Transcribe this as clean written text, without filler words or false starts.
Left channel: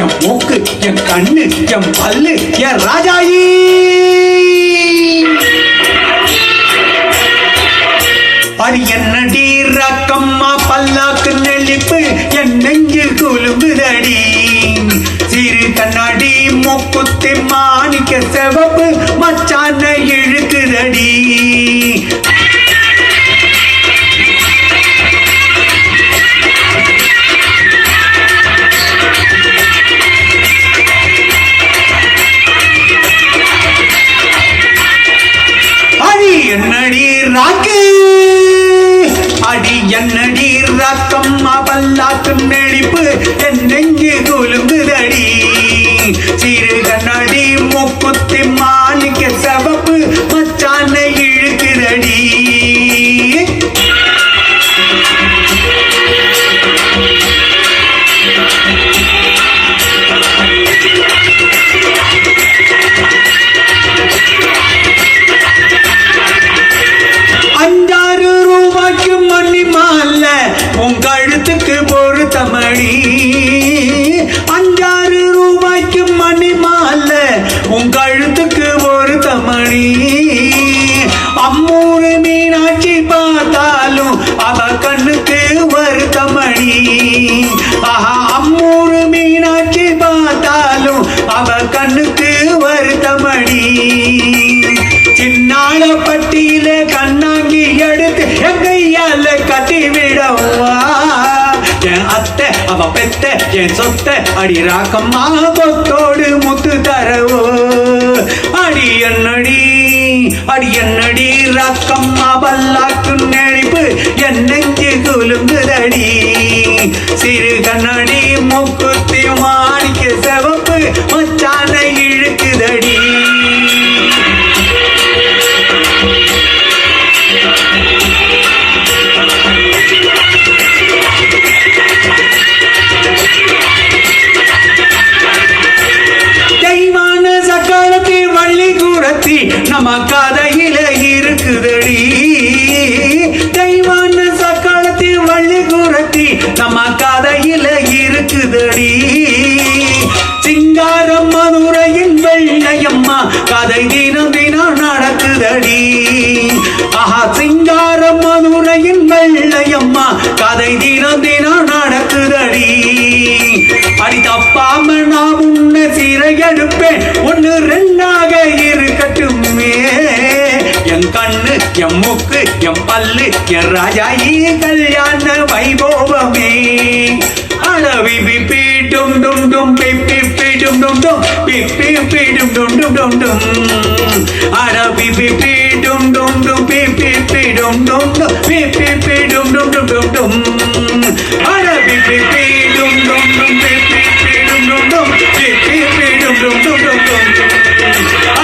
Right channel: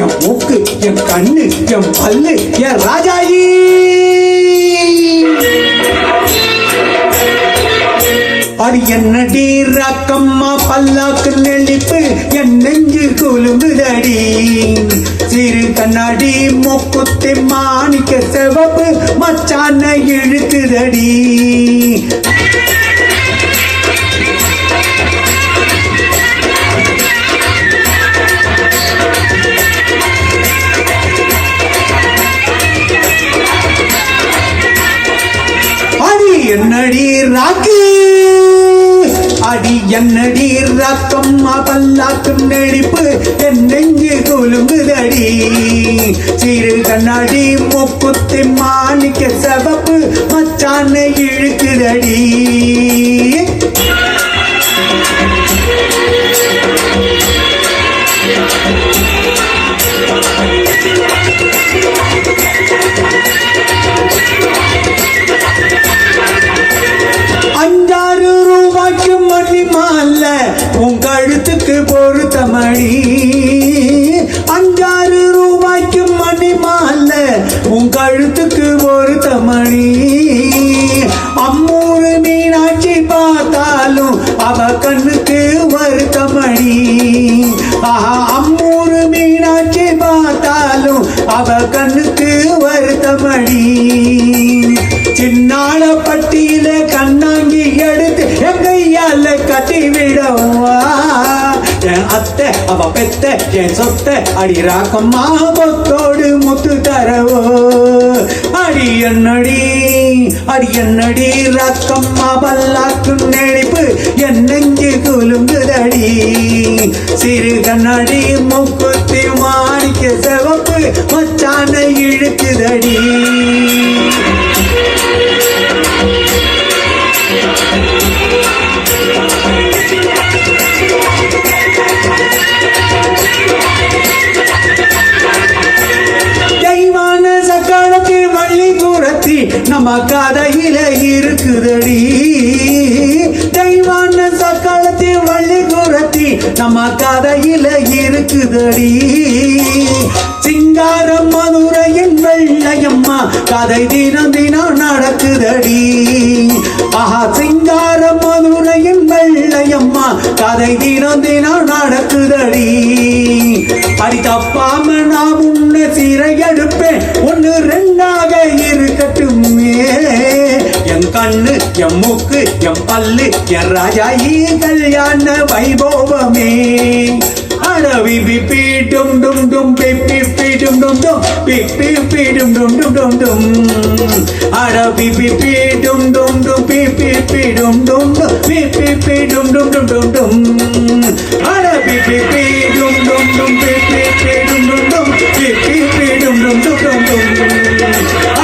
என் மூக்கு என் கண்ணு என் பல்லு என் ராஜாயி அது என்னடி ரக்கம்மா பல்லாக்கு நெளிப்பு என் நெஞ்சு குலும்புதடி சிறு கண்ணாடி மூக்குத்தி மாணிக்க சிவப்பு மச்சான இழுக்குதடி என்னடி ராக்கு அடி என்னடி ரக்கம்மா பல்லாக்கு நெளிப்பு என் நெஞ்சு குலுங்குதடி சிறு கண்ணாடி மூக்குத்தி மாணிக்க சிவப்பு மச்சான இழுக்குதடி உன் கழுத்துக்கு பொருத்தமடி 5-6 ரூபாய்க்கு மணி மாலை உன் கழுத்துக்கு பொருத்தமடி அம்மூரு மீனாட்சி பார்த்தாலும் அவ கண்ணுக்கு வருத்தமடி ஆஹா அம்மூரு மீனாட்சி பார்த்தாலும் அவ கண்ணுக்கு வருத்தமடி சின்னாள பட்டியில கண்ணாங்கி எடுத்து என் கையால கட்டி விடவா என் அத்தை அவ பெத்த என் சொத்த அடி ராக்கம்மா பொத்தோடு முத்து தரவோ அடி என்னடி ராக்கம்மா பல்லாக்கு நெளிப்பு என் நெஞ்சு குலுங்குதடி சிறு கண்ணாடி மூக்குத்தி மாணிக்க சிவப்பு மச்சான இழுக்குதடி நம்ம கதையில இருக்குதடி தெய்வான சக்காலத்தில் வள்ளி குரத்தி நம்ம கதையில இருக்குதடி சிங்காரம் மதுரையின் வெள்ளையம்மா கதை தினம் தினம் நடக்குதடி ஆஹா சிங்காரம் மதுரையின் வெள்ளையம்மா கதை தினம் தினம் நடக்குதடி அடி தப்பாம நான் உன்னை சிறை எடுப்பேன் 1-2 இருக்கட்டுமே என் கண்ணு என் மூக்கு என் பல்லு என் ராஜாயி கல்யாண வைபோவமே அடவி பிப்பி டும் டும் டும் பிப்பி பிடும் டும் டும் பிப்பி பிடும் டும் டும் டும் டும் அடவி பிப்பி டும் டும் டும் பிப்பி பிடும் டும் டும் பிப்பி பிடும் டும் டும் டும் டும் அடவி பிப்பி டும் டும் டும் பிப்பி பிடும் டும் டும் பிப்பி பிடும் டும் டும் டும் டும்